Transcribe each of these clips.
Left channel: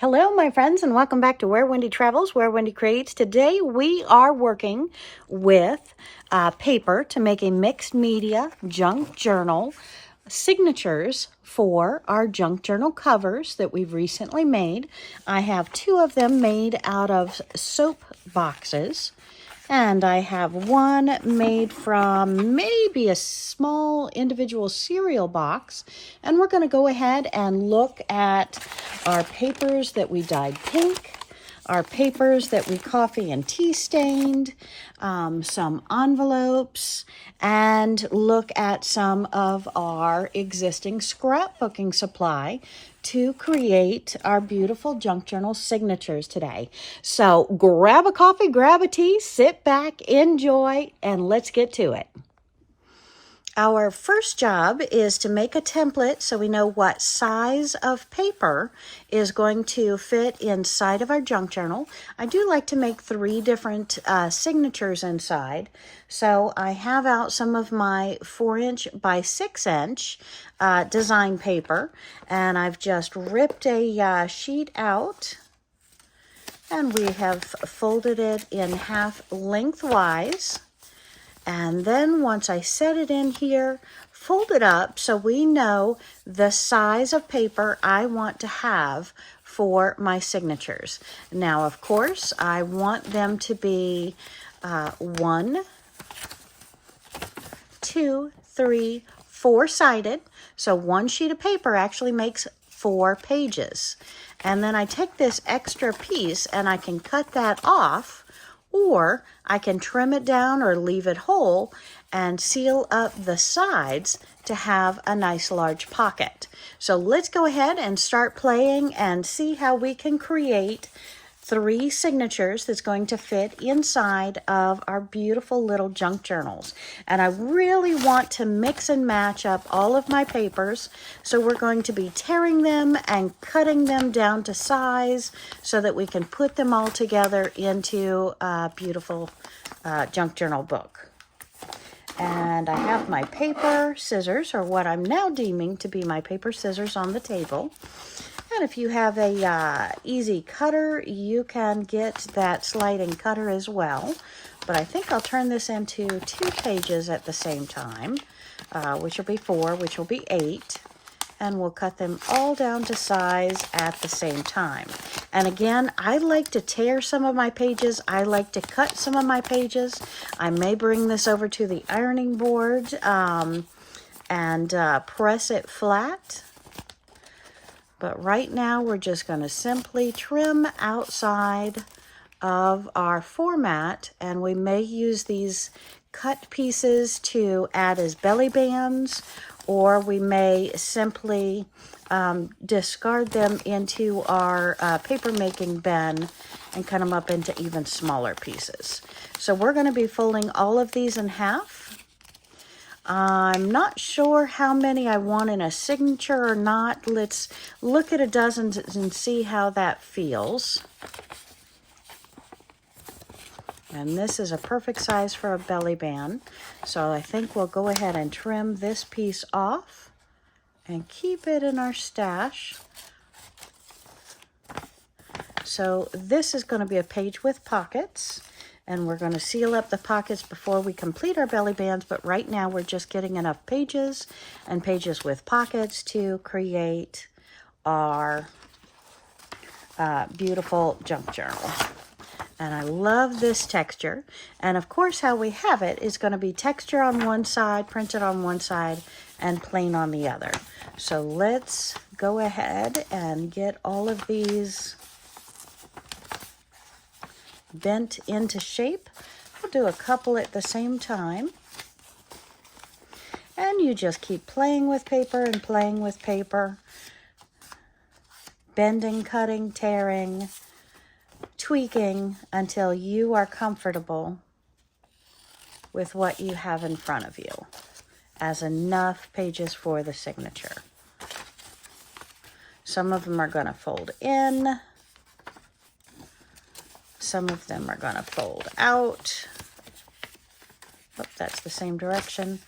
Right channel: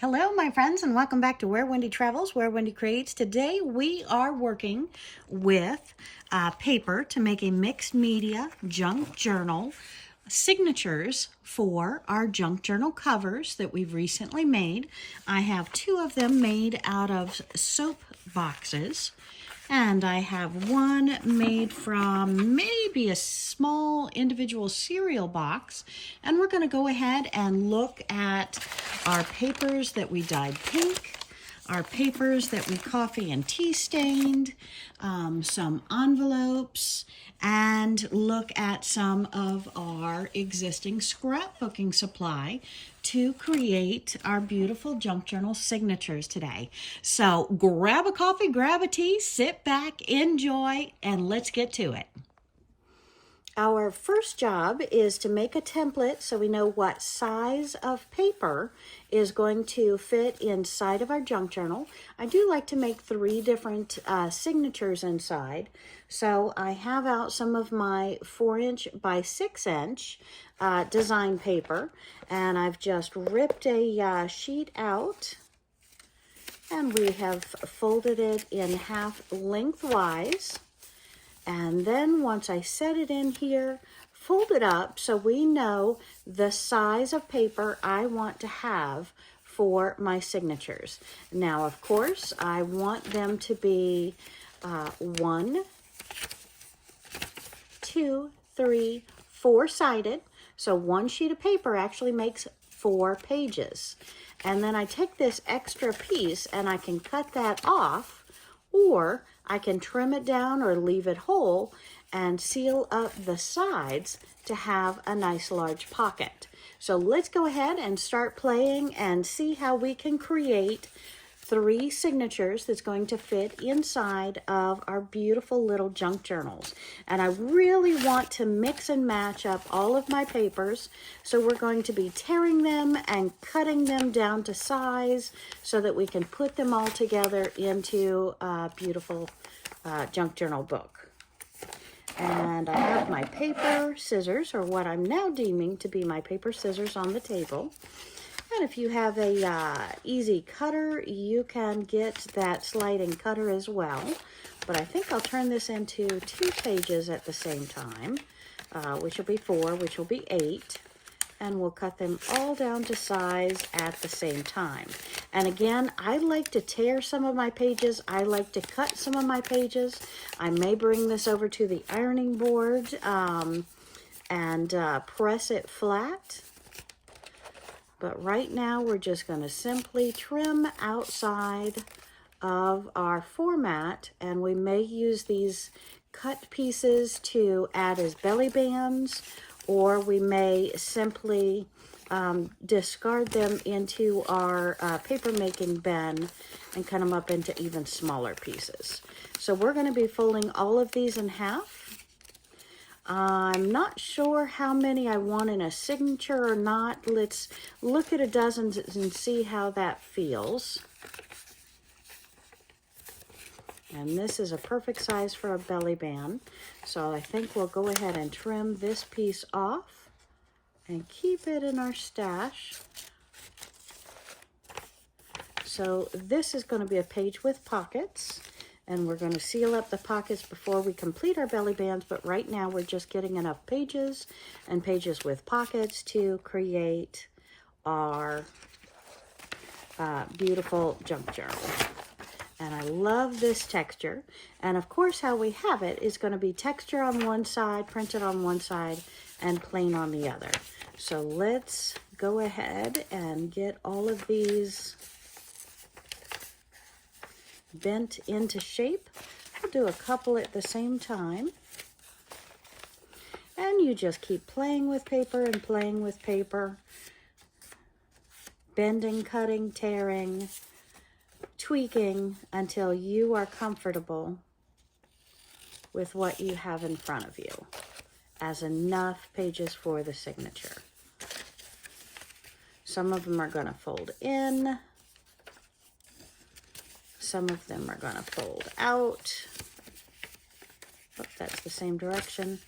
Hello, my friends, and welcome back to Where Wendy Travels, Where Wendy Creates. Today we are working with paper to make a mixed media junk journal signatures for our junk journal covers that we've recently made. I have two of them made out of soap boxes. And I have one made from maybe a small individual cereal box. And we're going to go ahead and look at our papers that we dyed pink, our papers that we coffee and tea stained, some envelopes, and look at some of our existing scrapbooking supply to create our beautiful junk journal signatures today. So grab a coffee, grab a tea, sit back, enjoy, and let's get to it. Our first job is to make a template so we know what size of paper is going to fit inside of our junk journal. I do like to make 3 different signatures inside. So I have out some of my 4" by 6" design paper, and I've just ripped a sheet out, and we have folded it in half lengthwise. And then once I set it in here, fold it up so we know the size of paper I want to have for my signatures. Now, of course, I want them to be 1, 2, 3, 4-sided. So one sheet of paper actually makes 4 pages. And then I take this extra piece and I can cut that off, or I can trim it down or leave it whole and seal up the sides to have a nice large pocket. So let's go ahead and start playing and see how we can create 3 signatures that's going to fit inside of our beautiful little junk journals. And I really want to mix and match up all of my papers. So we're going to be tearing them and cutting them down to size so that we can put them all together into a beautiful junk journal book. And I have my paper scissors, or what I'm now deeming to be my paper scissors, on the table. And if you have a easy cutter, you can get that sliding cutter as well. But I think I'll turn this into 2 pages at the same time, which will be 4, which will be 8. And we'll cut them all down to size at the same time. And again, I like to tear some of my pages. I like to cut some of my pages. I may bring this over to the ironing board and press it flat. But right now, we're just going to simply trim outside of our format, and we may use these cut pieces to add as belly bands, or we may simply discard them into our paper making bin and cut them up into even smaller pieces. So we're going to be folding all of these in half. I'm not sure how many I want in a signature or not. Let's look at a dozen and see how that feels. And this is a perfect size for a belly band. So I think we'll go ahead and trim this piece off and keep it in our stash. So this is going to be a page with pockets. And we're going to seal up the pockets before we complete our belly bands, but right now we're just getting enough pages and pages with pockets to create our beautiful junk journal. And I love this texture. And of course, how we have it is going to be texture on one side, printed on one side, and plain on the other. So let's go ahead and get all of these bent into shape. I'll do a couple at the same time. And you just keep playing with paper and playing with paper, bending, cutting, tearing, tweaking until you are comfortable with what you have in front of you as enough pages for the signature. Some of them are going to fold in. Some of them are going to fold out. Oh, that's the same direction.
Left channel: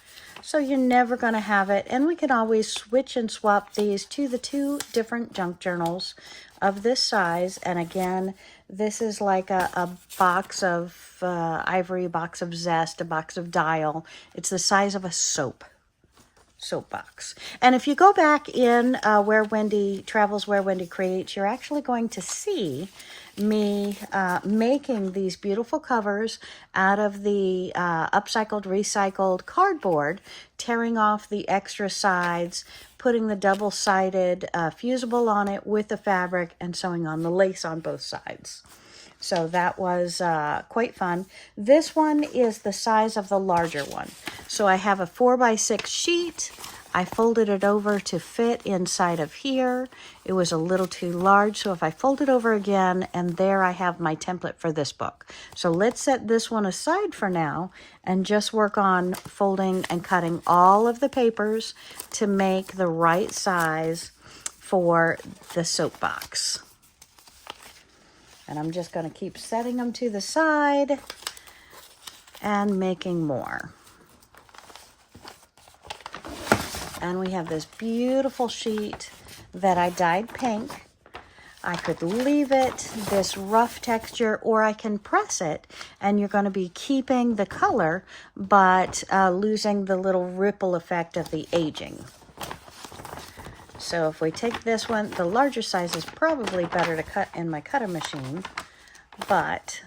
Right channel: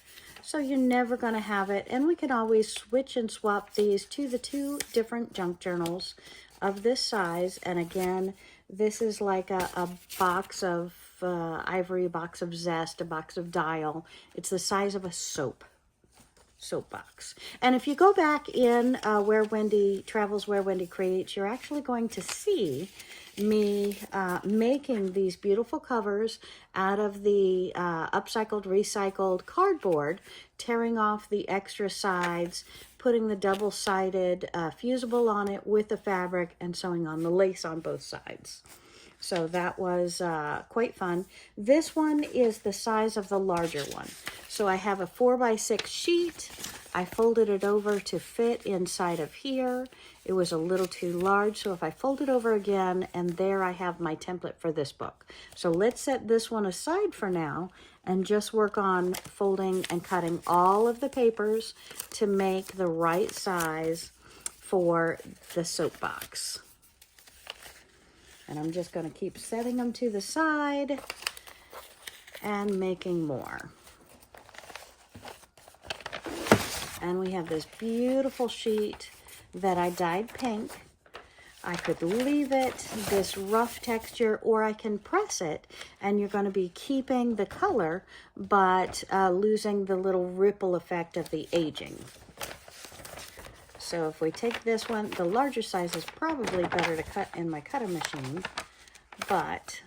So you're never going to have it. And we can always switch and swap these to the two different junk journals of this size. And again, this is like a box of Ivory, a box of Zest, a box of Dial. It's the size of a soap box. And if you go back in Where Wendy Travels, Where Wendy Creates, you're actually going to see me making these beautiful covers out of the upcycled, recycled cardboard, tearing off the extra sides, putting the double-sided fusible on it with the fabric, and sewing on the lace on both sides. So that was quite fun. This one is the size of the larger one. So I have a 4x6 sheet. I folded it over to fit inside of here. It was a little too large, so if I fold it over again, and there I have my template for this book. So let's set this one aside for now and just work on folding and cutting all of the papers to make the right size for the soapbox. And I'm just going to keep setting them to the side and making more. And we have this beautiful sheet that I dyed pink. I could leave it this rough texture, or I can press it, and you're going to be keeping the color, but losing the little ripple effect of the aging. So if we take this one, the larger size is probably better to cut in my cutter machine, but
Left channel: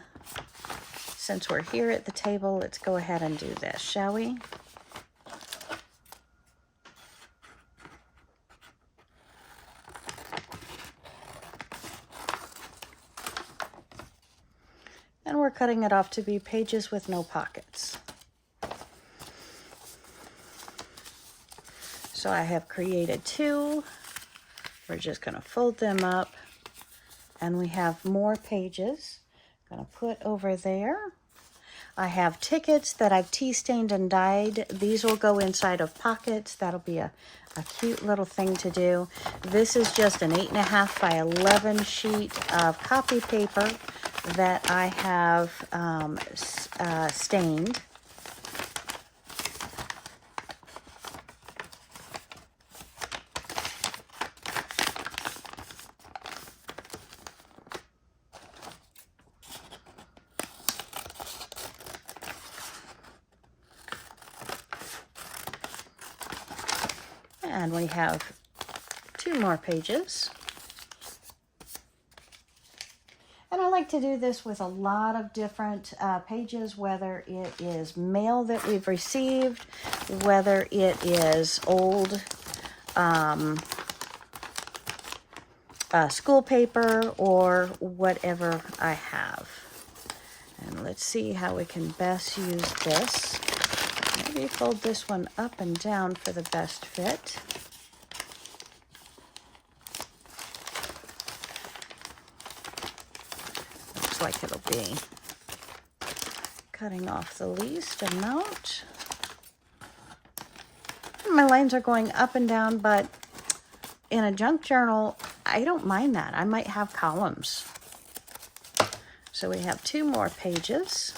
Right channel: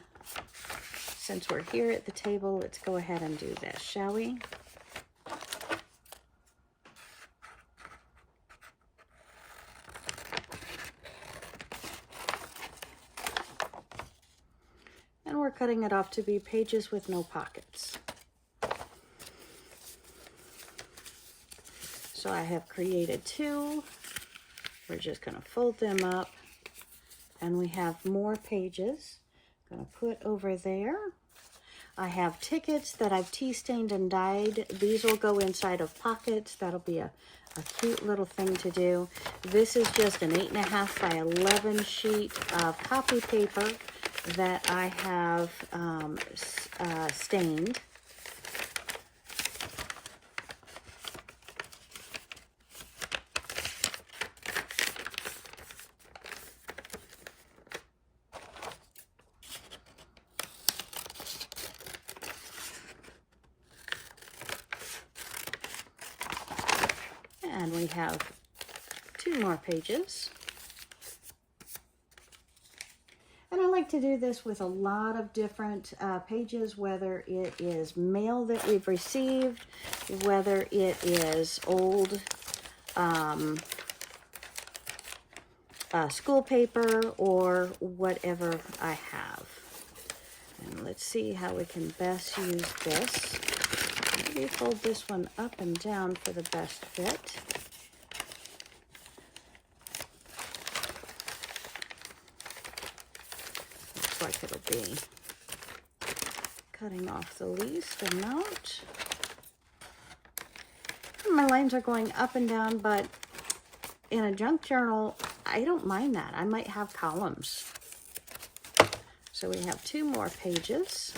since we're here at the table, let's go ahead and do this, shall we? And we're cutting it off to be pages with no pockets. So I have created two. We're just going to fold them up, and we have more pages. I'm going to put over there. I have tickets that I've tea stained and dyed. These will go inside of pockets. That'll be a cute little thing to do. This is just an 8.5 by 11 sheet of copy paper that I have stained. And we have two more pages. And I like to do this with a lot of different pages, whether it is mail that we've received, whether it is old school paper, or whatever I have. And let's see how we can best use this. Maybe fold this one up and down for the best fit. Looks like it'll be cutting off the least amount. My lines are going up and down, but in a junk journal, I don't mind that. I might have columns. So we have two more pages.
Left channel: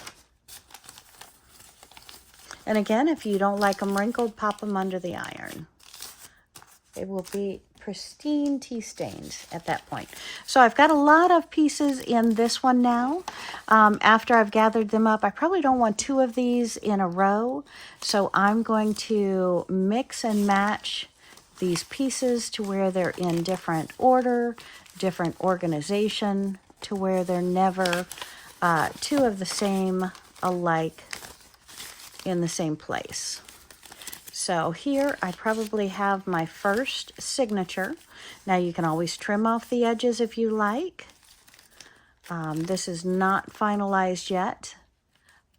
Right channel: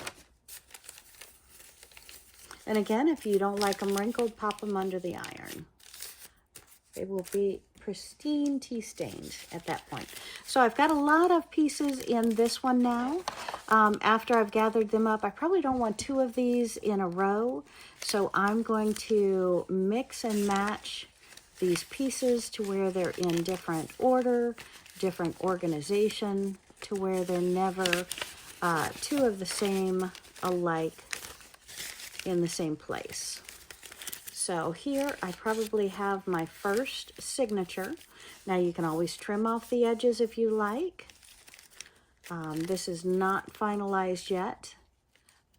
And again, if you don't like them wrinkled, pop them under the iron. They will be pristine tea stained at that point. So I've got a lot of pieces in this one now. After I've gathered them up, I probably don't want two of these in a row. So I'm going to mix and match these pieces to where they're in different order, different organization, to where they're never two of the same alike in the same place. So here I probably have my first signature. Now you can always trim off the edges if you like. This is not finalized yet,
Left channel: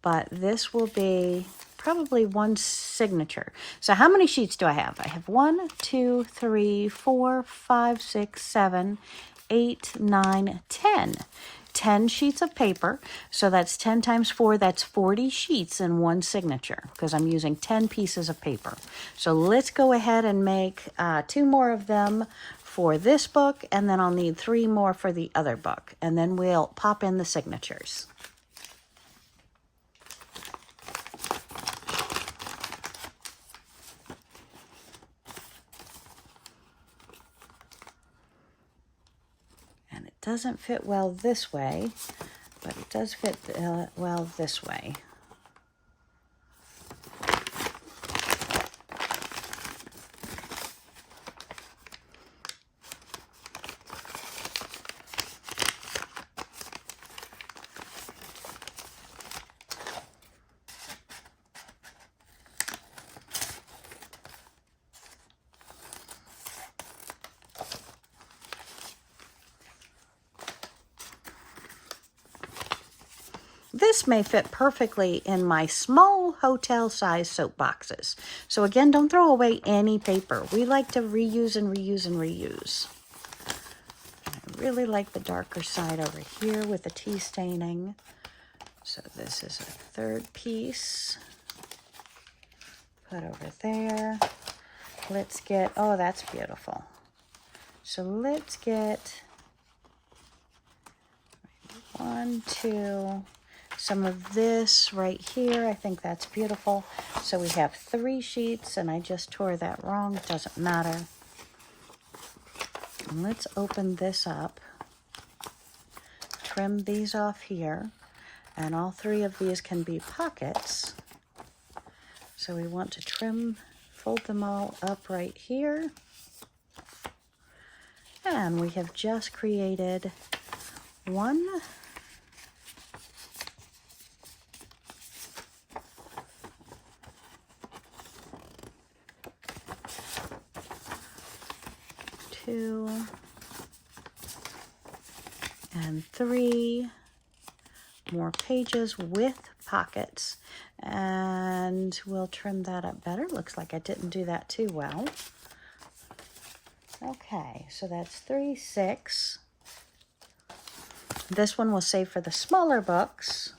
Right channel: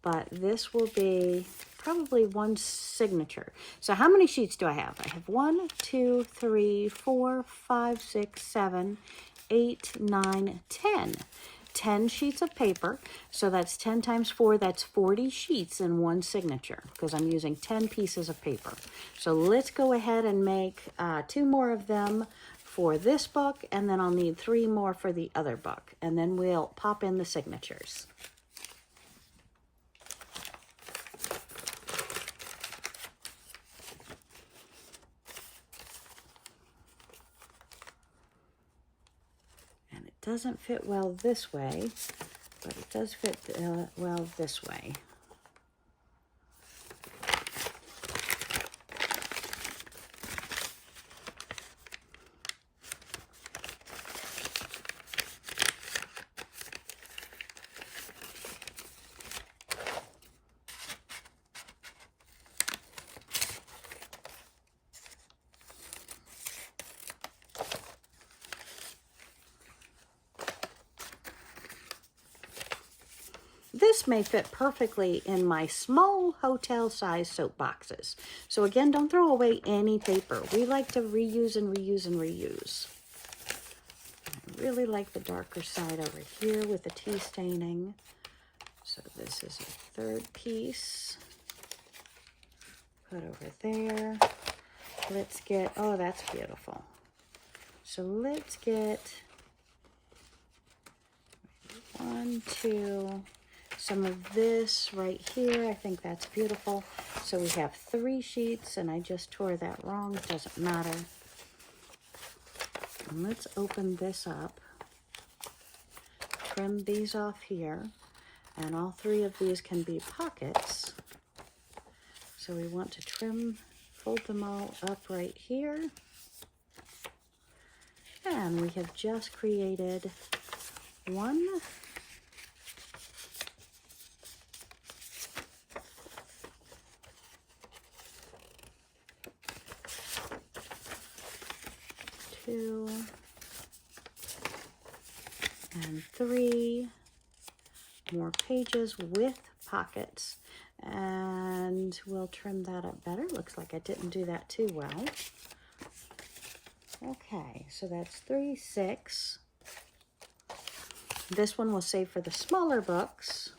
but this will be probably one signature. So how many sheets do I have? I have 1, 2, 3, 4, 5, 6, 7, 8, 9, 10. 10 sheets of paper, so that's 10 times 4, that's 40 sheets in one signature, because I'm using 10 pieces of paper. So let's go ahead and make 2 more of them for this book, and then I'll need 3 more for the other book, and then we'll pop in the signatures. doesn't fit well this way, but it does fit well this way. This may fit perfectly in my small hotel-sized soap boxes. So again, don't throw away any paper. We like to reuse and reuse and reuse. I really like the darker side over here with the tea staining. So this is a third piece. Put over there. Let's get, oh, that's beautiful. So let's get 1, 2, some of this right here. I think that's beautiful. So we have 3 sheets, and I just tore that wrong. It doesn't matter. And let's open this up. Trim these off here. And all 3 of these can be pockets. So we want to trim, fold them all up right here. And we have just created 1, 2, and 3 more pages with pockets, and we'll trim that up better. Looks like I didn't do that too well. Okay, so that's 3, 6. This one we'll save for the smaller books.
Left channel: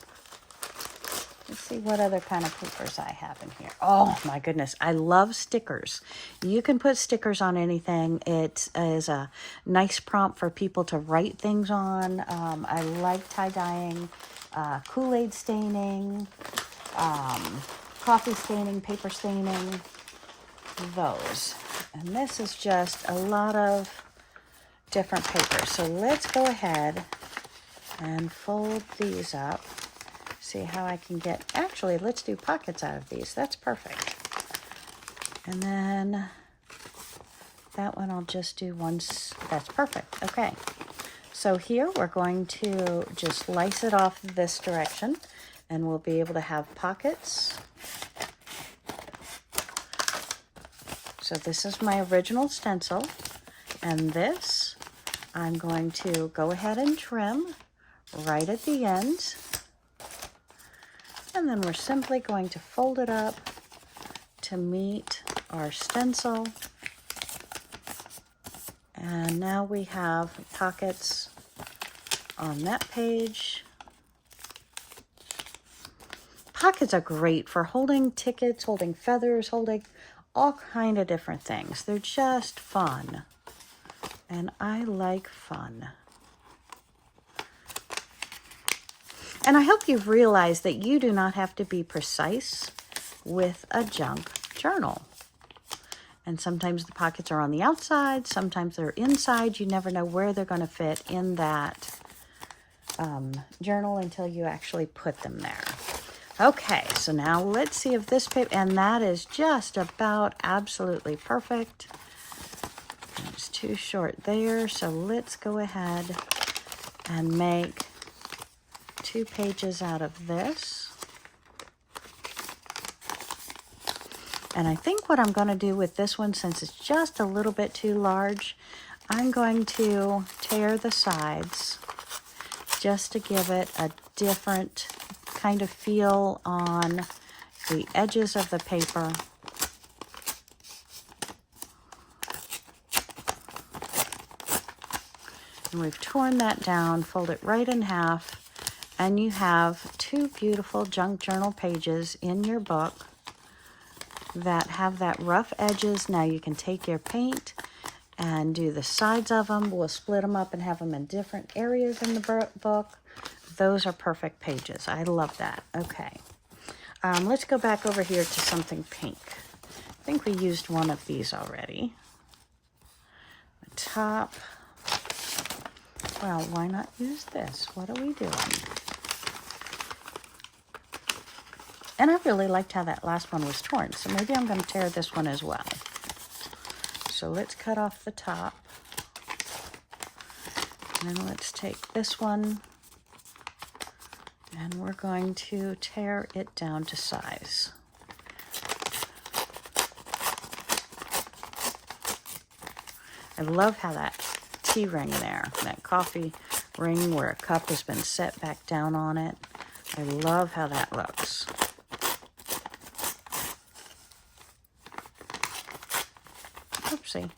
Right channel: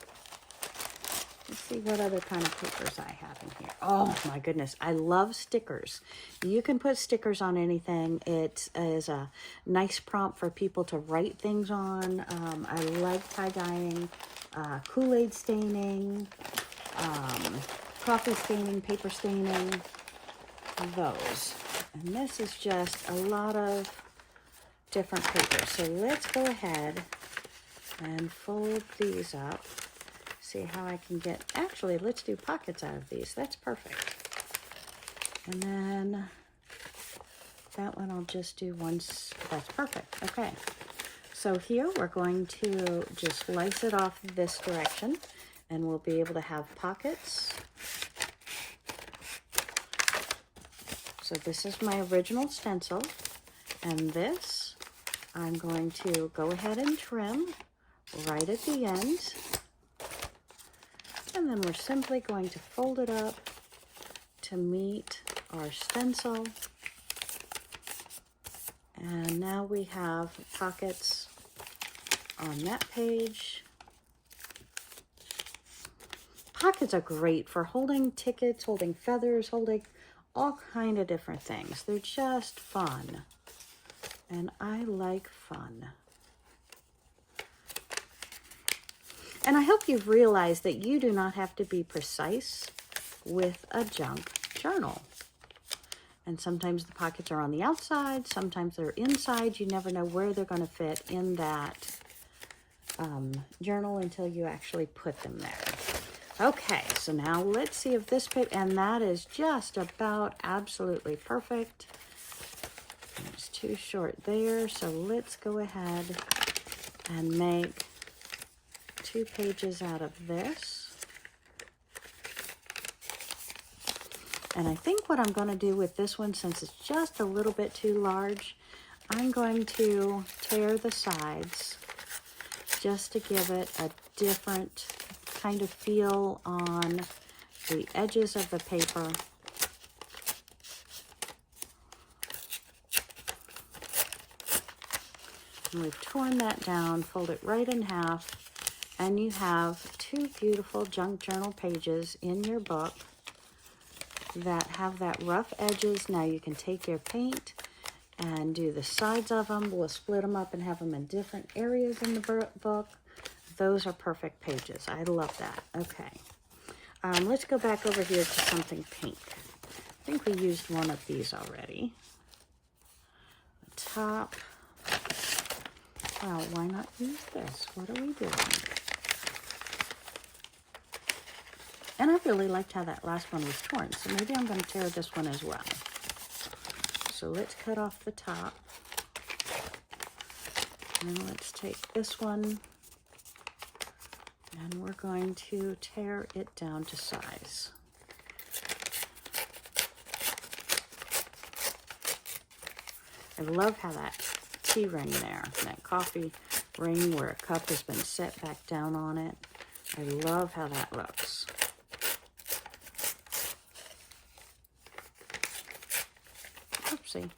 Let's see what other kind of papers I have in here. Oh my goodness, I love stickers. You can put stickers on anything. It is a nice prompt for people to write things on. I like tie-dyeing, Kool-Aid staining, coffee staining, paper staining, those. And this is just a lot of different papers. So let's go ahead and fold these up. See how I can get, actually, let's do pockets out of these. That's perfect. And then that one I'll just do once. That's perfect. Okay. So here we're going to just slice it off this direction, and we'll be able to have pockets. So this is my original stencil, and this I'm going to go ahead and trim right at the end. And then we're simply going to fold it up to meet our stencil. And now we have pockets on that page. Pockets are great for holding tickets, holding feathers, holding all kind of different things. They're just fun. And I like fun. And I hope you've realized that you do not have to be precise with a junk journal. And sometimes the pockets are on the outside, sometimes they're inside. You never know where they're going to fit in that journal until you actually put them there. Okay, so now let's see if this paper, and that is just about absolutely perfect. It's too short there, so let's go ahead and make 2 pages out of this. And I think what I'm going to do with this one, since it's just a little bit too large, I'm going to tear the sides just to give it a different kind of feel on the edges of the paper. And we've torn that down, fold it right in half, and you have 2 beautiful junk journal pages in your book that have that rough edges. Now you can take your paint and do the sides of them. We'll split them up and have them in different areas in the book. Those are perfect pages. I love that. Okay. Let's go back over here to something pink. I think we used one of these already. The top. Well, why not use this? What are we doing? And I really liked how that last one was torn, so maybe I'm going to tear this one as well. So let's cut off the top. And let's take this one, and we're going to tear it down to size. I love how that tea ring there, that coffee ring where a cup has been set back down on it. I love how that looks. Oopsie.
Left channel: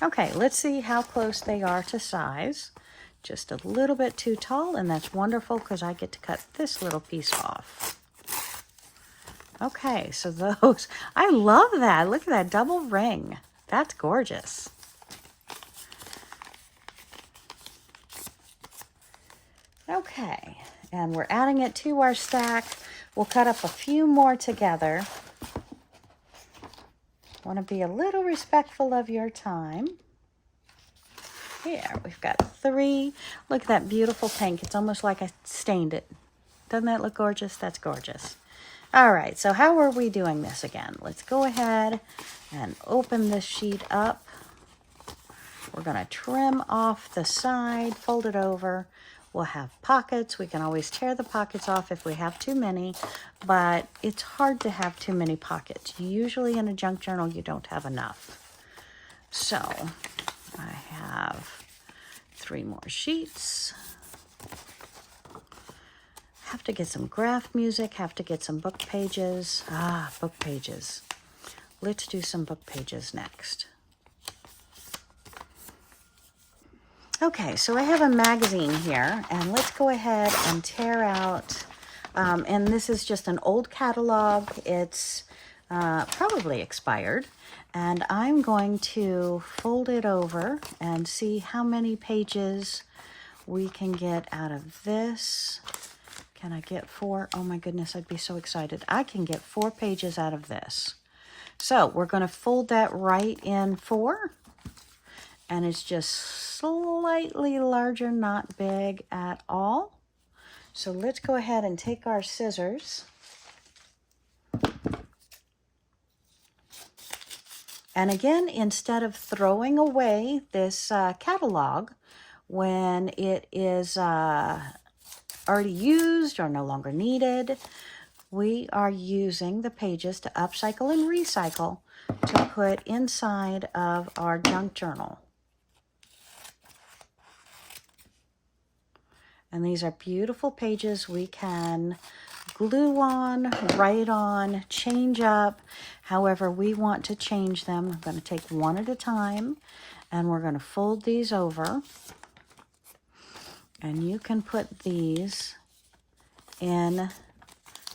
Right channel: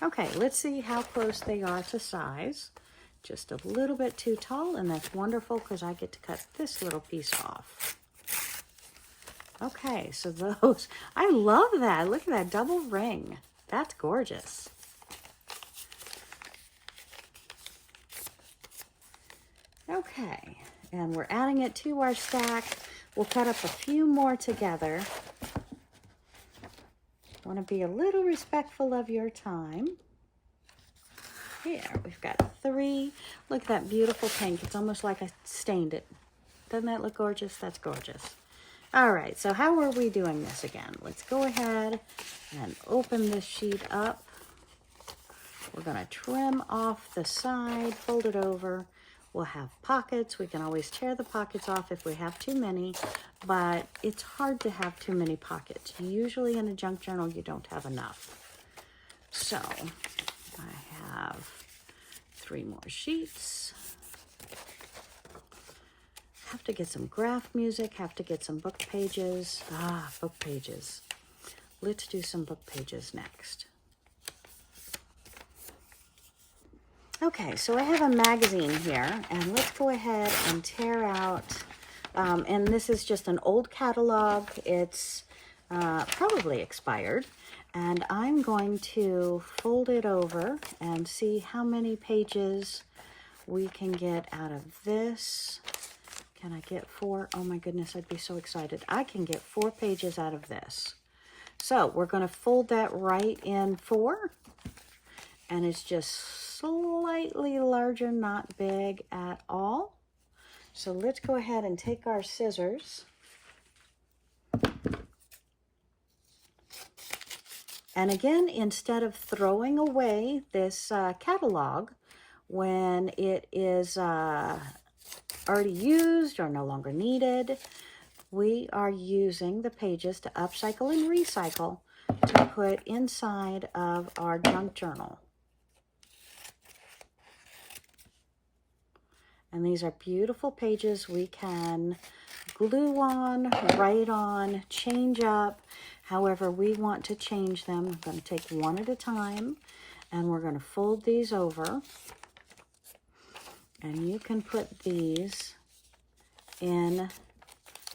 Okay, let's see how close they are to size. Just a little bit too tall, and that's wonderful because I get to cut this little piece off. Okay, so those, I love that. Look at that double ring. That's gorgeous. Okay, and we're adding it to our stack. We'll cut up a few more together. I want to be a little respectful of your time. Here, we've got 3. Look at that beautiful pink. It's almost like I stained it. Doesn't that look gorgeous? That's gorgeous. All right, so how are we doing this again? Let's go ahead and open this sheet up. We're going to trim off the side, fold it over. We'll have pockets. We can always tear the pockets off if we have too many, but it's hard to have too many pockets. Usually in a junk journal, you don't have enough. So I have 3 more sheets. Have to get some graph music, have to get some book pages. Book pages. Let's do some book pages next. Okay, so I have a magazine here, and let's go ahead and tear out, and this is just an old catalog. It's probably expired, and I'm going to fold it over and see how many pages we can get out of this. Can I get 4? Oh my goodness, I'd be so excited. I can get 4 pages out of this. So we're going to fold that right in 4. And it's just slightly larger, not big at all. So let's go ahead and take our scissors. And again, instead of throwing away this catalog when it is already used or no longer needed, we are using the pages to upcycle and recycle to put inside of our junk journal. And these are beautiful pages we can glue on, write on, change up, however we want to change them. We're going to take one at a time, and we're going to fold these over. And you can put these in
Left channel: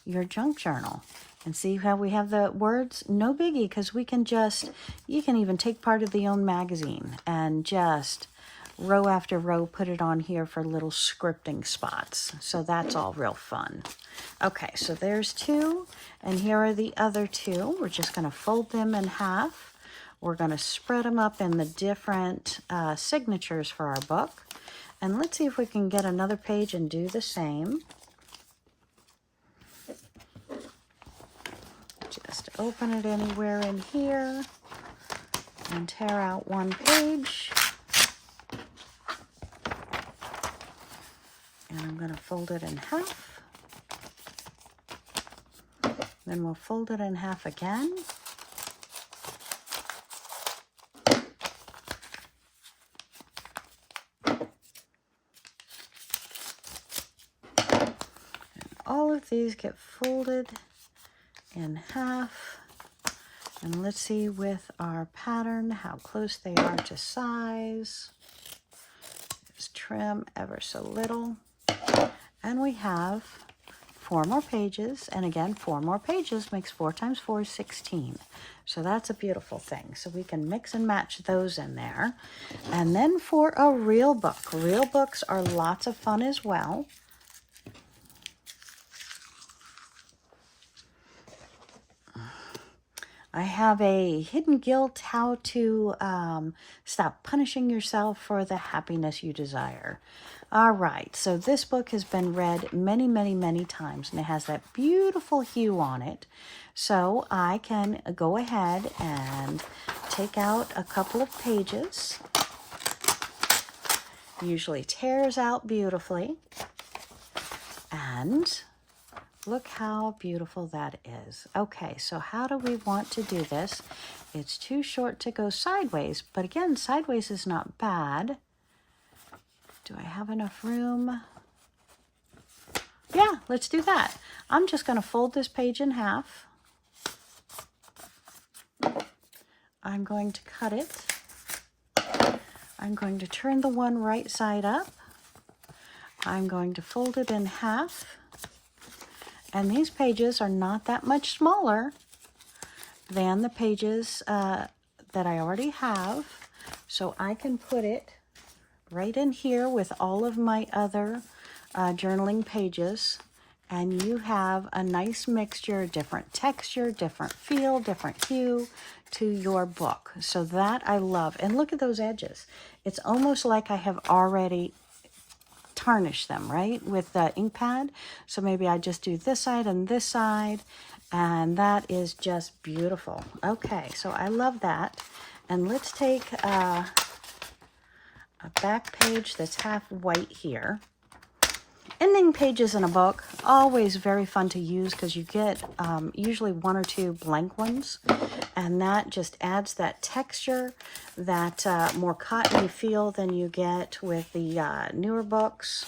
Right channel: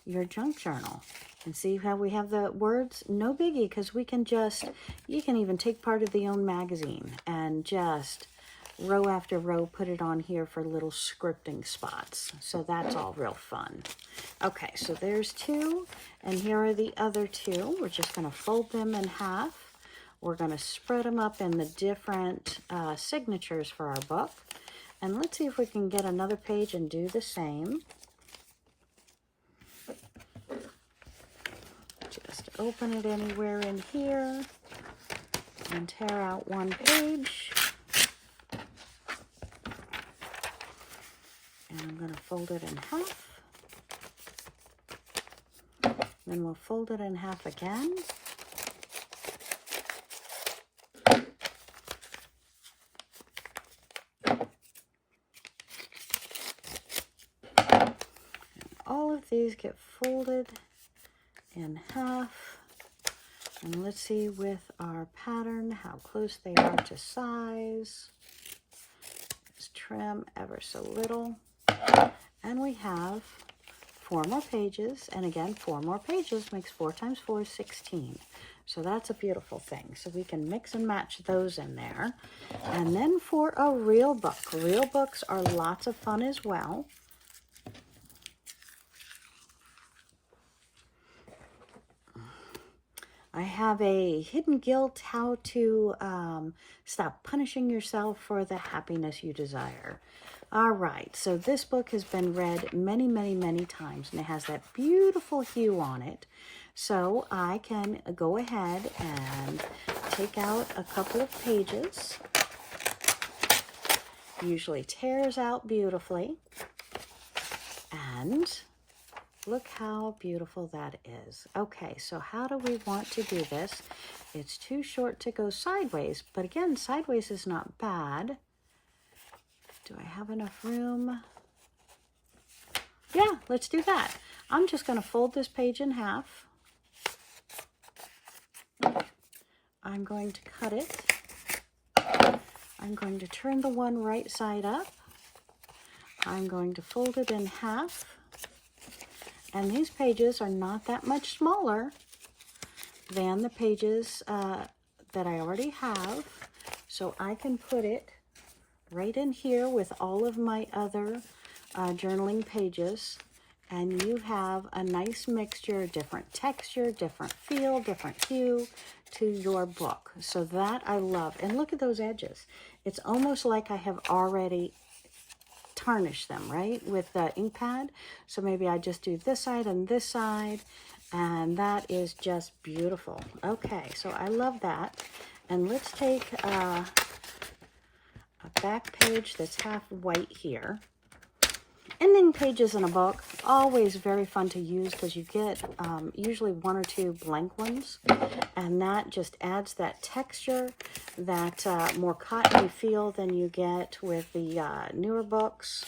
your junk journal. And see how we have the words? No biggie, because we can just, you can even take part of the own magazine and just row after row, put it on here for little scripting spots. So that's all real fun. Okay, so there's 2, and here are the other 2. We're just going to fold them in half. We're going to spread them up in the different signatures for our book. And let's see if we can get another page and do the same. Just open it anywhere in here and tear out one page. And I'm going to fold it in half. Then we'll fold it in half again. And all of these get folded in half. And let's see with our pattern how close they are to size. Just trim ever so little. And we have 4 more pages, and again, 4 more pages makes 4 times 4 is 16. So that's a beautiful thing. So we can mix and match those in there. And then for a real book. Real books are lots of fun as well. I have a hidden guilt, how to stop punishing yourself for the happiness you desire. All right, so this book has been read many, many, many times, and it has that beautiful hue on it. So I can go ahead and take out a couple of pages. Usually tears out beautifully. And look how beautiful that is. Okay, so how do we want to do this? It's too short to go sideways, but again, sideways is not bad. Do I have enough room? Yeah, let's do that. I'm just going to fold this page in half. I'm going to cut it. I'm going to turn the one right side up. I'm going to fold it in half. And these pages are not that much smaller than the pages that I already have. So I can put it right in here with all of my other journaling pages. And you have a nice mixture, different texture, different feel, different hue to your book. So that I love. And look at those edges. It's almost like I have already tarnished them, right, with the ink pad. So maybe I just do this side, and that is just beautiful. Okay, so I love that. And let's take a back page that's half white here. Ending pages in a book, always very fun to use because you get usually one or two blank ones, and that just adds that texture, that more cottony feel than you get with the newer books.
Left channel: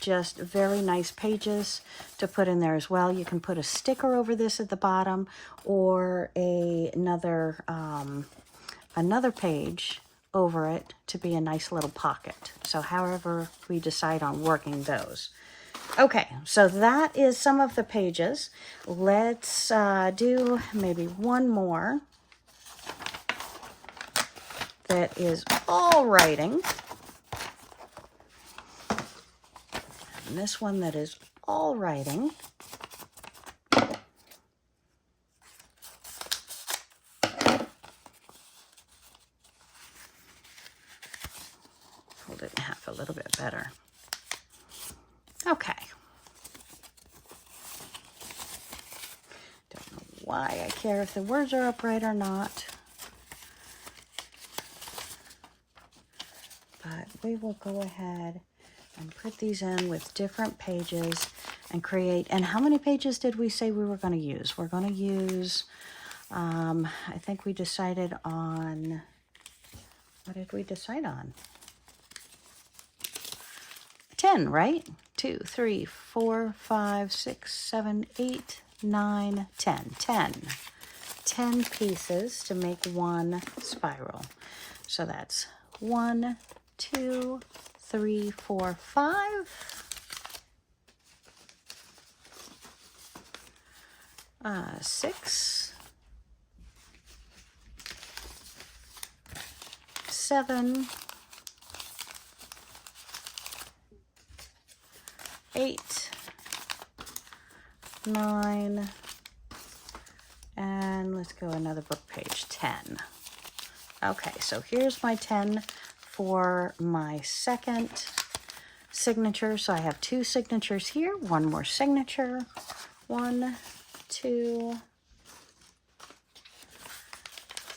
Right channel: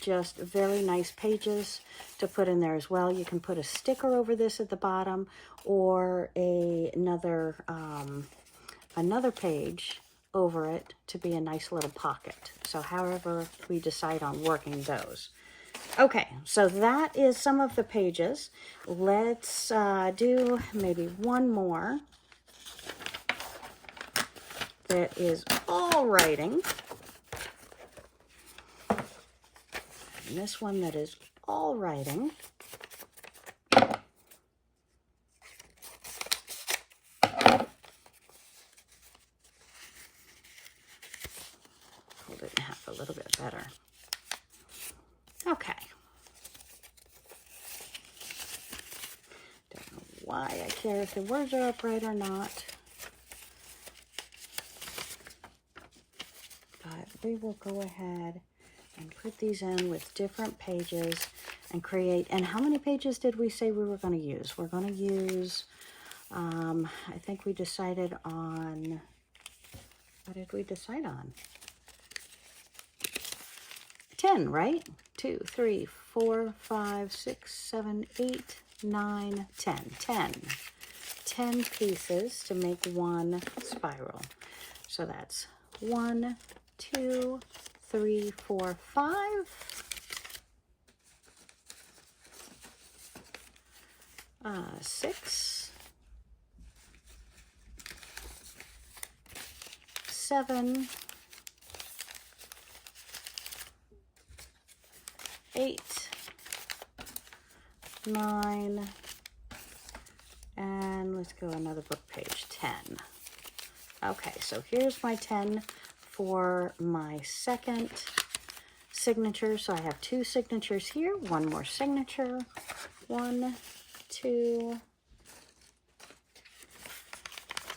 Just very nice pages to put in there as well. You can put a sticker over this at the bottom, or another page over it to be a nice little pocket. So however we decide on working those. Okay, so that is some of the pages. Let's do maybe one more that is all writing. And this one that is all writing. Hold it in half a little bit better. Okay. Don't know why I care if the words are upright or not. But we will go ahead and put these in with different pages and create. And how many pages did we say we were going to use? We're going to use, I think we decided on, what did we decide on? 10, right? 2, 3, 4, 5, 6, 7, 8, 9, 10. 10 pieces to make one spiral. So that's 1, 2, 3, 4, 5. 6, 7, 8, 9, and let's go another book page, 10. Okay, so here's my 10 for my second signature. So I have 2 signatures here, one more signature. 1, 2,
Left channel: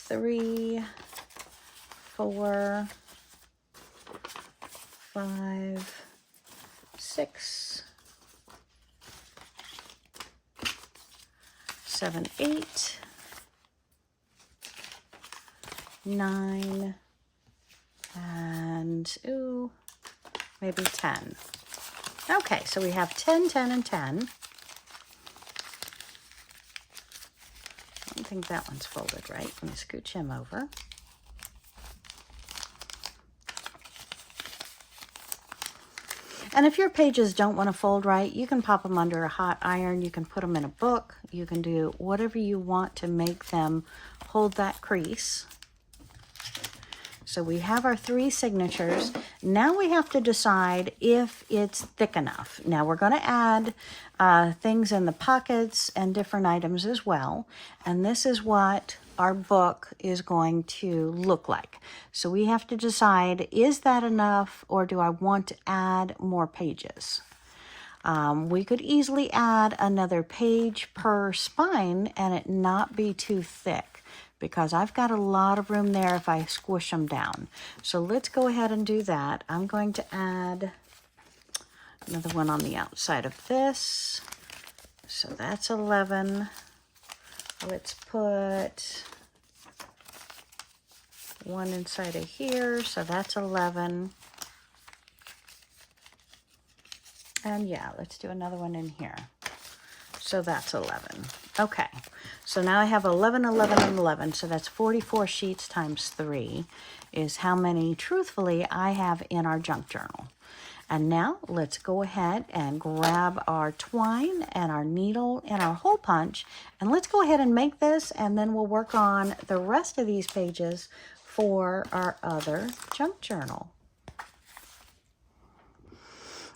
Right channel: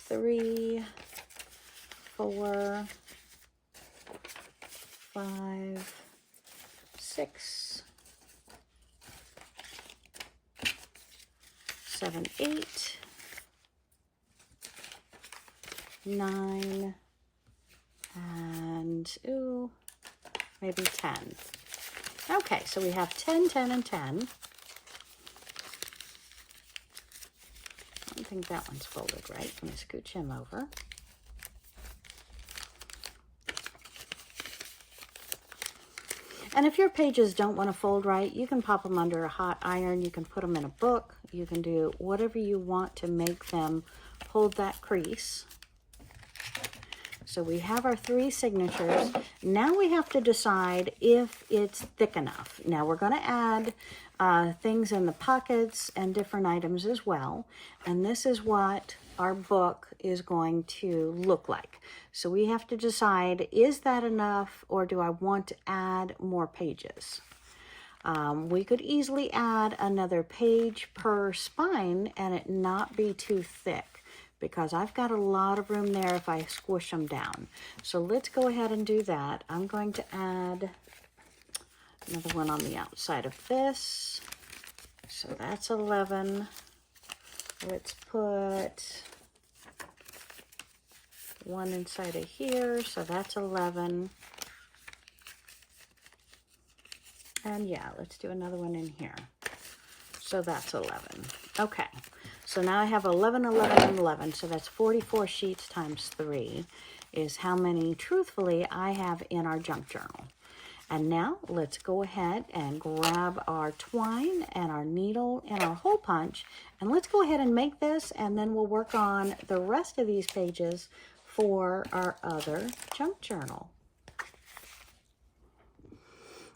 3, 4, 5, 6, 7, 8, 9, and maybe 10. Okay, so we have 10, 10, and 10. I don't think that one's folded right. Let me scooch him over. And if your pages don't want to fold right, you can pop them under a hot iron. You can put them in a book. You can do whatever you want to make them hold that crease. So we have our 3 signatures. Now we have to decide if it's thick enough. Now we're going to add things in the pockets and different items as well. And this is what our book is going to look like. So we have to decide, is that enough, or do I want to add more pages? We could easily add another page per spine and it not be too thick, because I've got a lot of room there if I squish them down. So let's go ahead and do that. I'm going to add another one on the outside of this. So that's 11. Let's put one inside of here. So that's 11. And yeah, let's do another one in here. So that's 11. Okay, so now I have 11, 11, and 11. So that's 44 sheets times 3 is how many, truthfully, I have in our junk journal. And now let's go ahead and grab our twine and our needle and our hole punch. And let's go ahead and make this, and then we'll work on the rest of these pages for our other junk journal.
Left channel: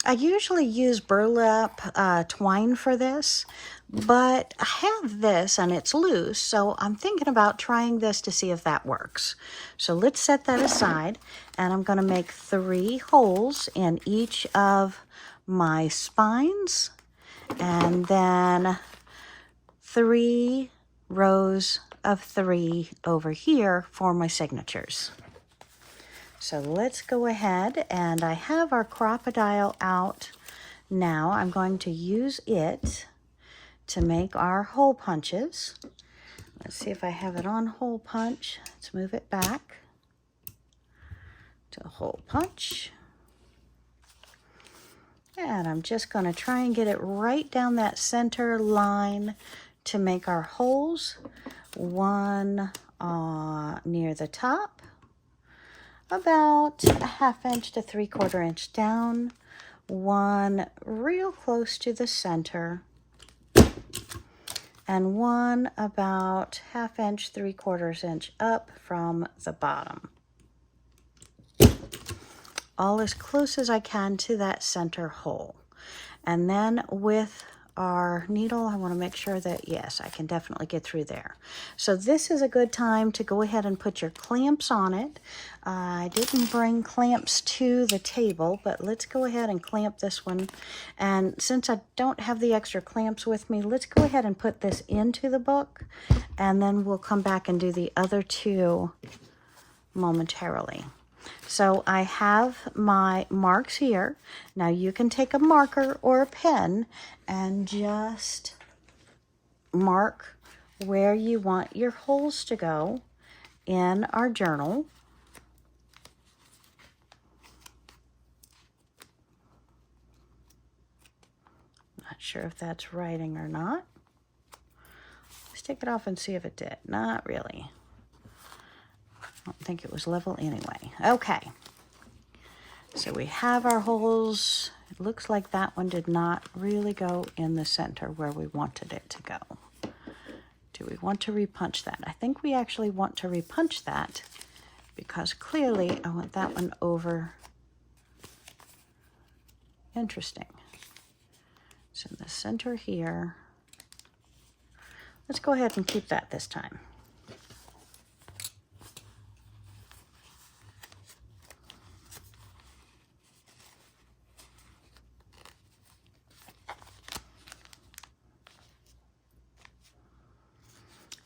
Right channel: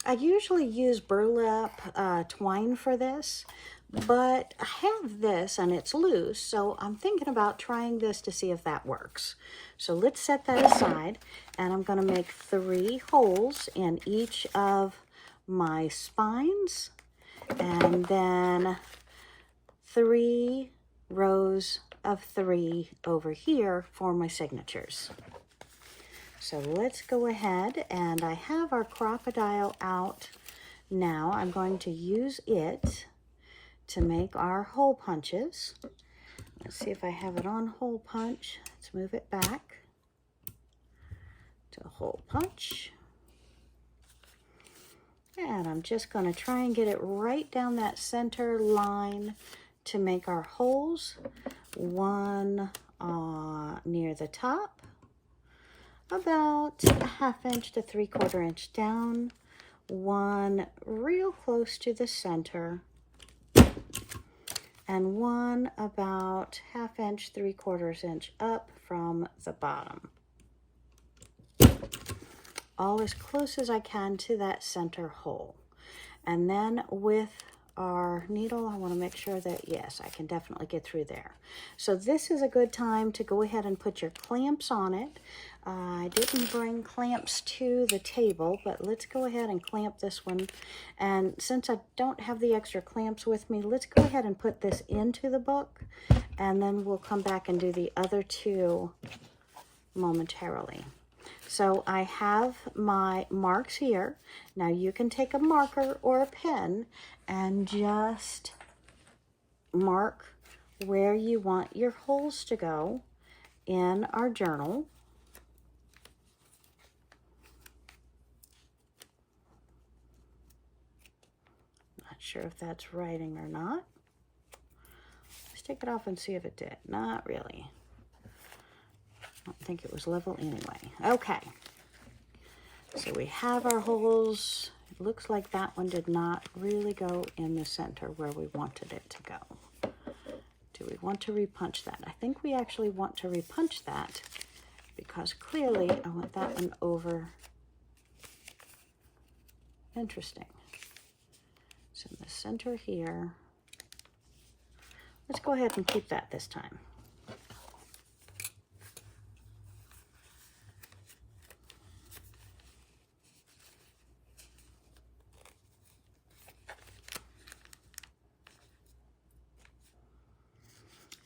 I usually use burlap twine for this, but I have this and it's loose, so I'm thinking about trying this to see if that works. So let's set that aside, and I'm going to make 3 holes in each of my spines, and then 3 rows of 3 over here for my signatures. So let's go ahead, and I have our crocodile out now. I'm going to use it to make our hole punches. Let's see if I have it on hole punch. Let's move it back to hole punch. And I'm just going to try and get it right down that center line to make our holes. One near the top, about a 1/2 inch to 3/4 inch down, one real close to the center, and one about 1/2 inch, 3/4 inch up from the bottom. All as close as I can to that center hole. And then with our needle, I want to make sure that, yes, I can definitely get through there. So this is a good time to go ahead and put your clamps on it. I didn't bring clamps to the table, but let's go ahead and clamp this one. And since I don't have the extra clamps with me, let's go ahead and put this into the book, and then we'll come back and do the other 2 momentarily. So I have my marks here. Now you can take a marker or a pen and just mark where you want your holes to go in our journal. Not sure if that's writing or not. Let's take it off and see if it did. Not really. I don't think it was level anyway. Okay, so we have our holes. It looks like that one did not really go in the center where we wanted it to go. Do we want to repunch that? I think we actually want to repunch that, because clearly I want that one over. Interesting. So in the center here, let's go ahead and keep that this time.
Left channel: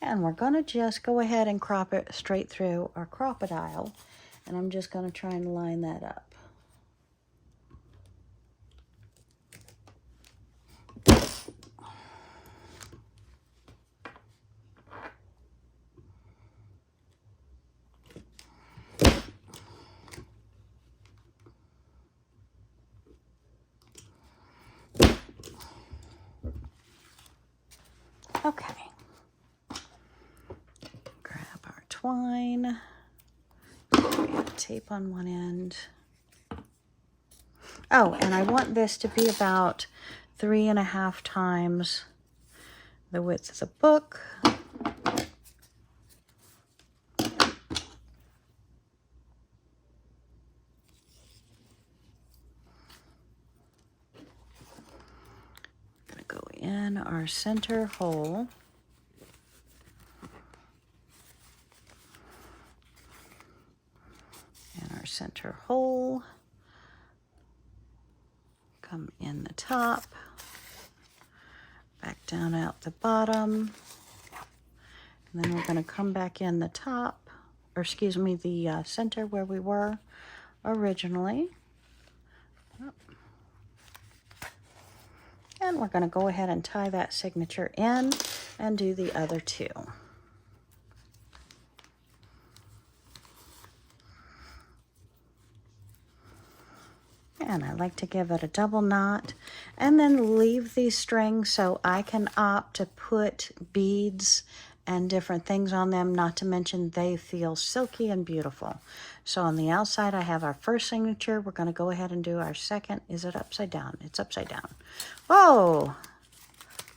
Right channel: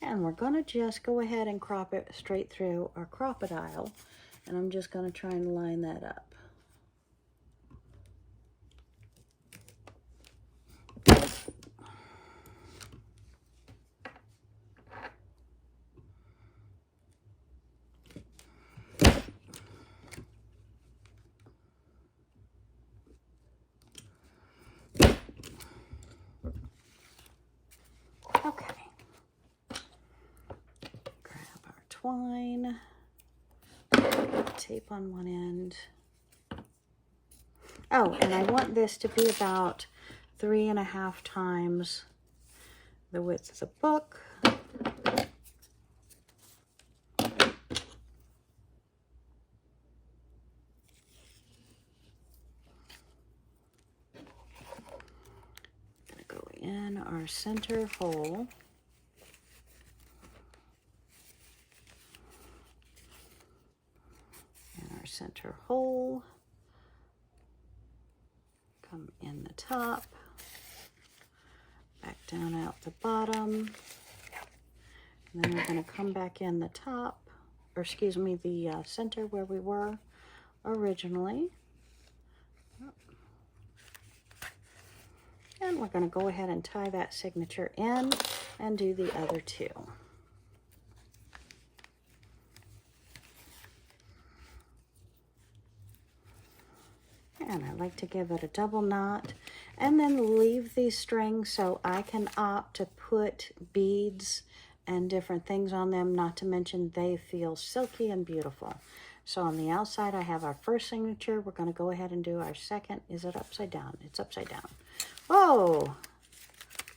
And we're going to just go ahead and crop it straight through our crocodile. And I'm just going to try and line that up. Okay. Twine, tape on one end. Oh, and I want this to be about 3.5 times the width of the book. in our center hole. In our center hole. Come in the top. Back down out the bottom. And then we're going to come back in the top, or excuse me, the center where we were originally. And we're going to go ahead and tie that signature in and do the other two. And I like to give it a double knot and then leave these strings so I can opt to put beads and different things on them, not to mention they feel silky and beautiful. So on the outside I have our first signature. We're going to go ahead and do our second. Is it upside down? It's upside down. Whoa!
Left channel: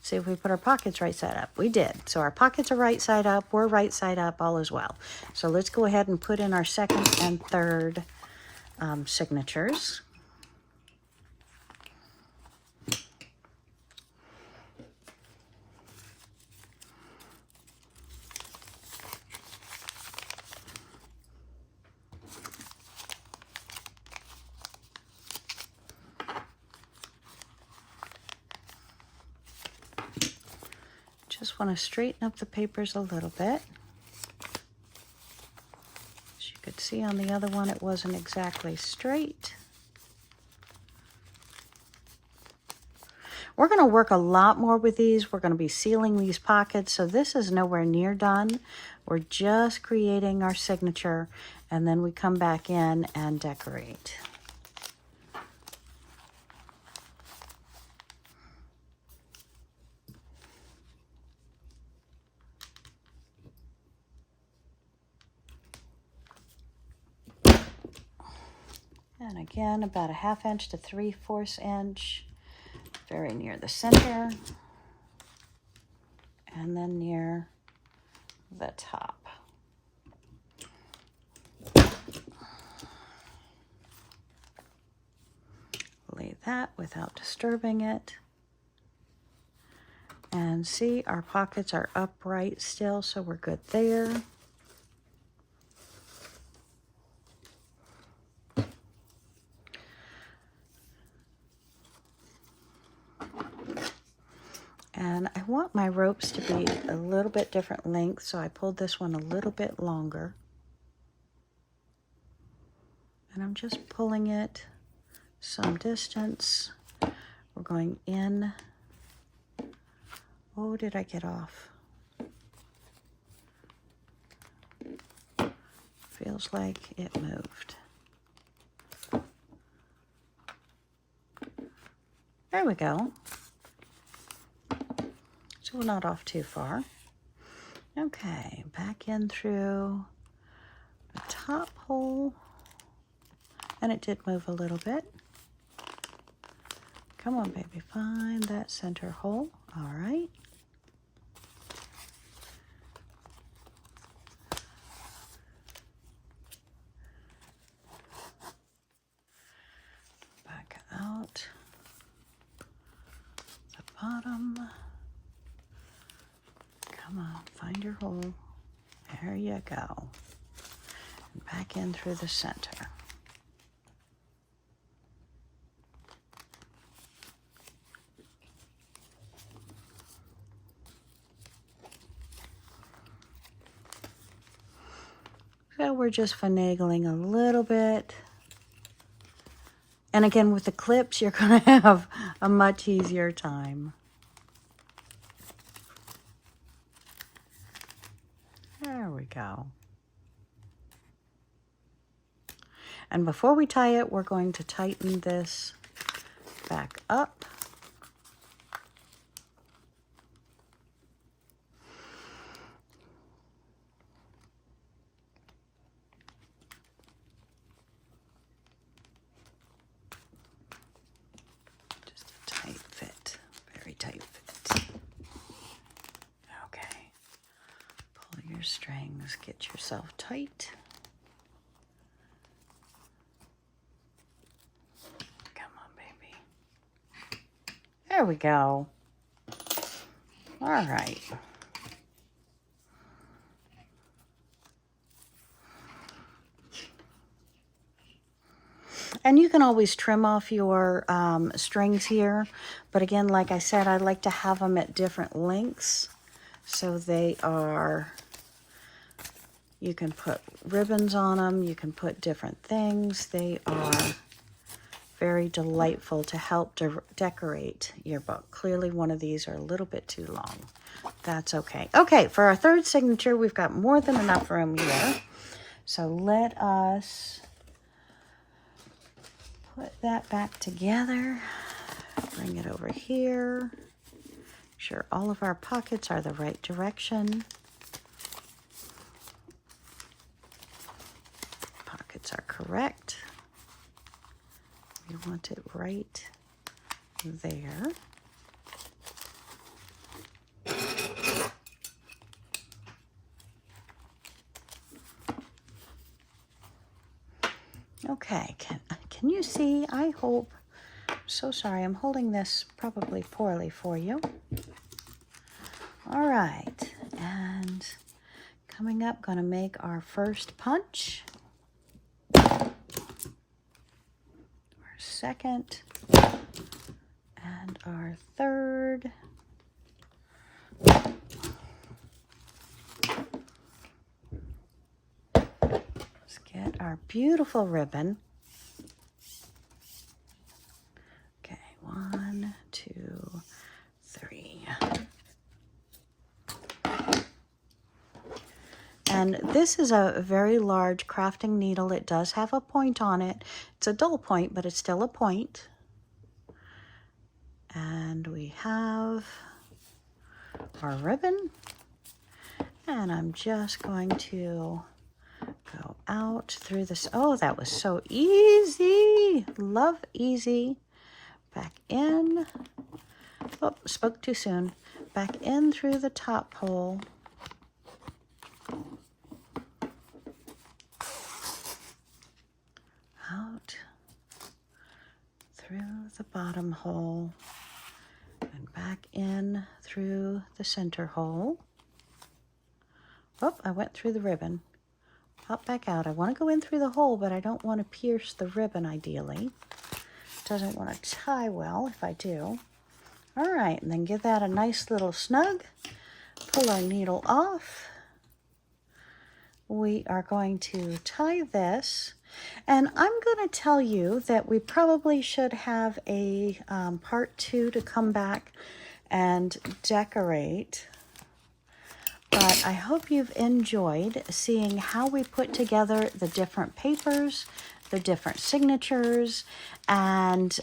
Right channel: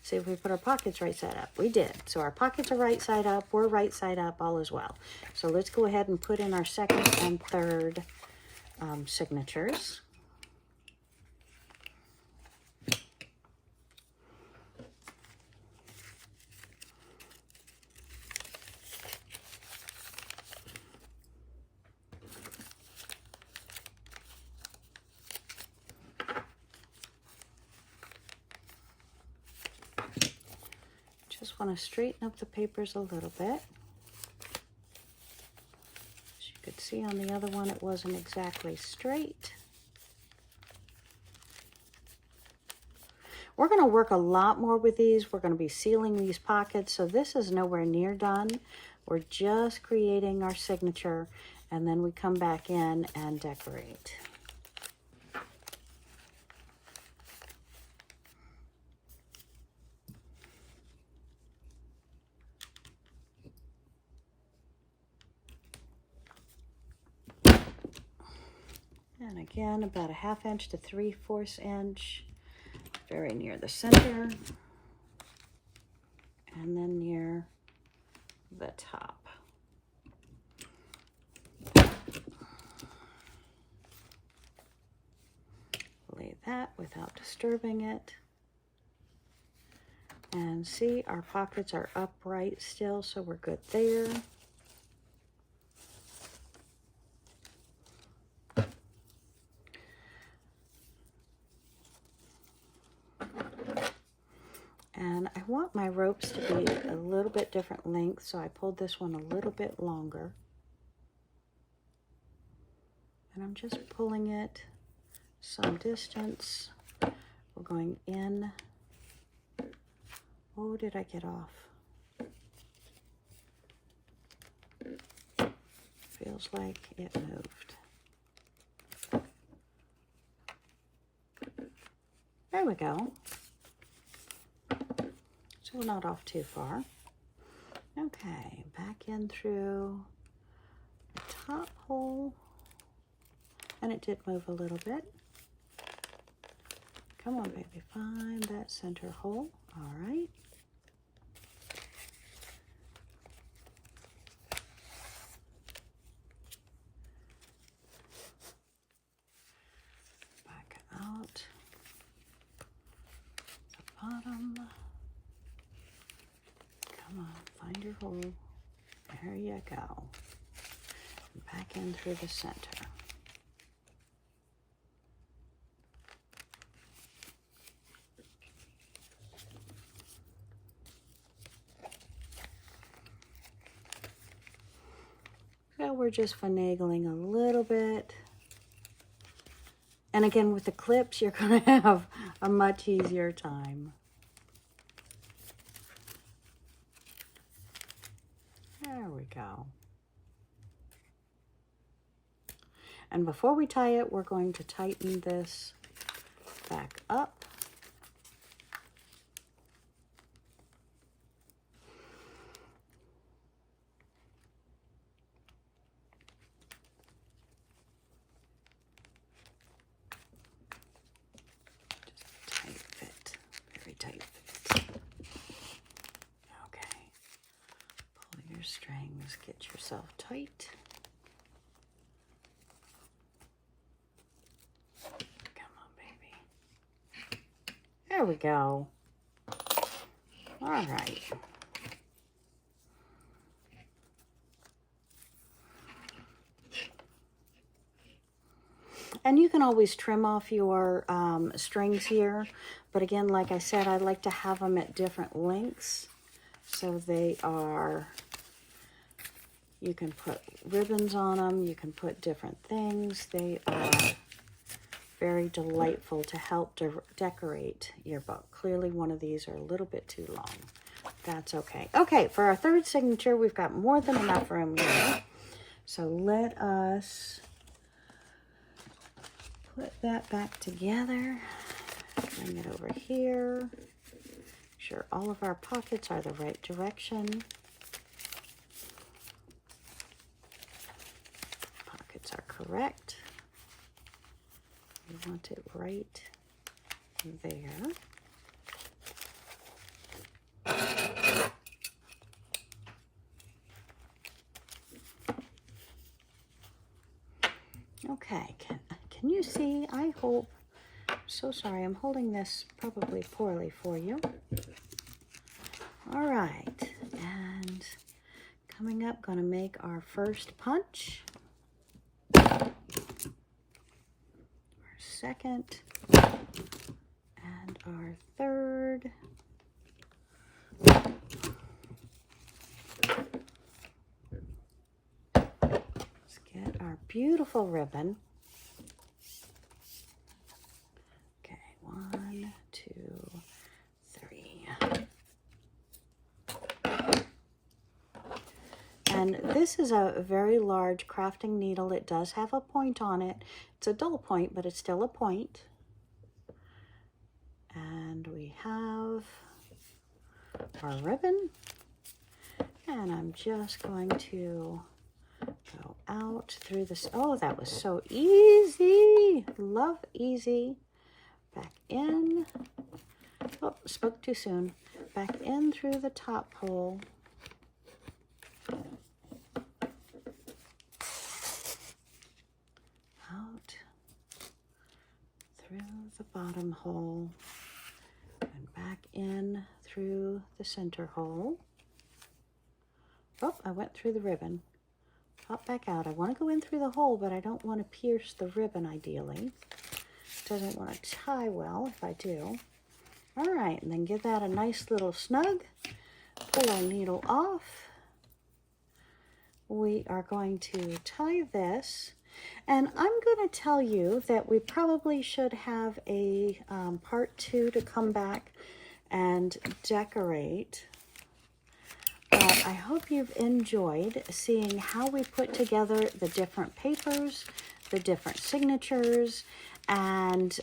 See if we put our pockets right side up. We did. So our pockets are right side up. We're right side up, all is well. So let's go ahead and put in our second and third signatures. Just want to straighten up the papers a little bit. As you could see on the other one, it wasn't exactly straight. We're going to work a lot more with these. We're going to be sealing these pockets, so this is nowhere near done. We're just creating our signature, and then we come back in and decorate. And again, about a 1/2 inch to 3/4 inch, very near the center, and then near the top. Lay that without disturbing it. And see, our pockets are upright still, so we're good there. And I want my ropes to be a little bit different length, so I pulled this one a little bit longer. And I'm just pulling it some distance. We're going in. Oh, did I get off? Feels like it moved. There we go. So we're not off too far. Okay, back in through the top hole. And it did move a little bit. Come on, baby, find that center hole. All right. Back out the bottom. Come on, find your hole. There you go. And back in through the center. So we're just finagling a little bit. And again, with the clips, you're going to have a much easier time. There we go. And before we tie it, we're going to tighten this back up. Strings, get yourself tight. Come on, baby. There we go. All right. And you can always trim off your strings here. But again, like I said, I like to have them at different lengths. So they are, you can put ribbons on them. You can put different things. They are very delightful to help decorate your book. Clearly one of these are a little bit too long. That's okay. Okay, for our third signature, we've got more than enough room here. So let us put that back together. Bring it over here. Make sure all of our pockets are the right direction. Pockets are correct. We want it right there. Okay, can you see? I hope. So sorry, I'm holding this probably poorly for you. All right, and coming up, gonna make our first punch. Second, and our third. Let's get our beautiful ribbon. Okay, 1, 2, 3. And this is a very large crafting needle. It does have a point on it. It's a dull point, but it's still a point. And we have our ribbon. And I'm just going to go out through this. Oh, that was so easy. Love easy. Back in. Oh, spoke too soon. Back in through the top hole. Out through the bottom hole and back in through the center hole. Oh, I went through the ribbon. Pop back out. I want to go in through the hole, but I don't want to pierce the ribbon ideally. Doesn't want to tie well if I do. All right, and then give that a nice little snug. Pull our needle off. We are going to tie this. And I'm going to tell you that we probably should have a part 2 to come back and decorate. But I hope you've enjoyed seeing how we put together the different papers, the different signatures, and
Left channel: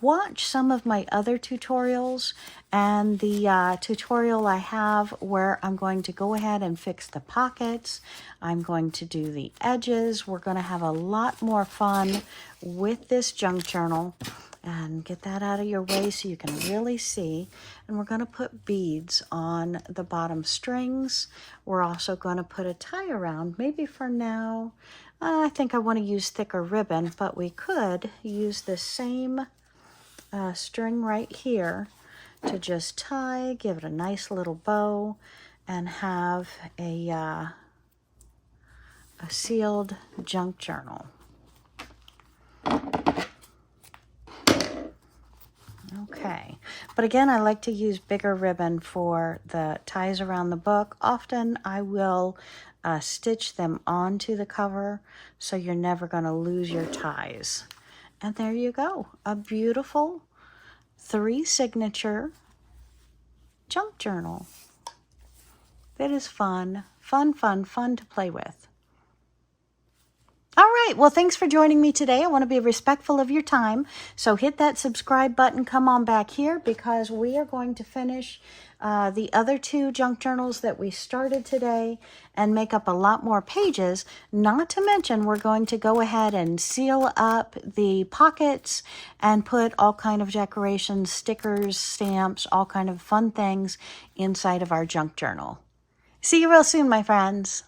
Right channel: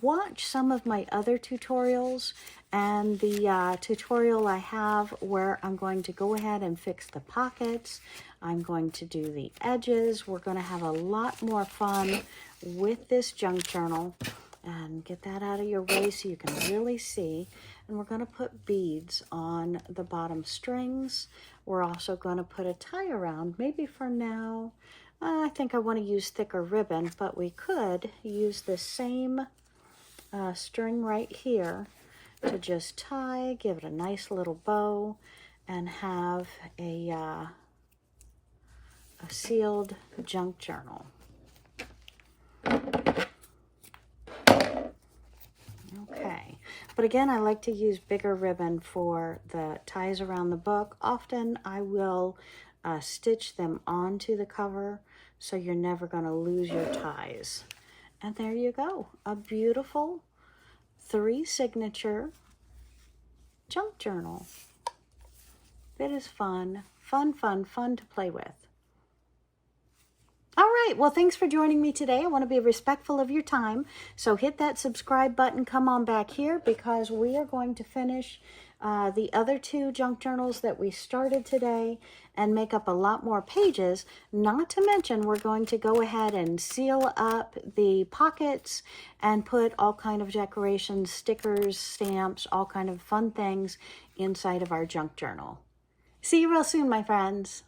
watch some of my other tutorials and the tutorial I have where I'm going to go ahead and fix the pockets. I'm going to do the edges. We're going to have a lot more fun with this junk journal. And get that out of your way so you can really see. And we're going to put beads on the bottom strings. We're also going to put a tie around. Maybe for now, I think I want to use thicker ribbon, but we could use the same string right here to just tie, give it a nice little bow, and have a sealed junk journal. Okay, but again, I like to use bigger ribbon for the ties around the book. Often I will stitch them onto the cover so you're never going to lose your ties. And there you go, a beautiful 3-signature junk journal. It is fun, fun, fun, fun to play with. All right, well, thanks for joining me today. I want to be respectful of your time. So hit that subscribe button, come on back here, because we are going to finish the other 2 junk journals that we started today and make up a lot more pages. Not to mention, we're going to go ahead and seal up the pockets and put all kind of decorations, stickers, stamps, all kind of fun things inside of our junk journal. See you real soon, my friends.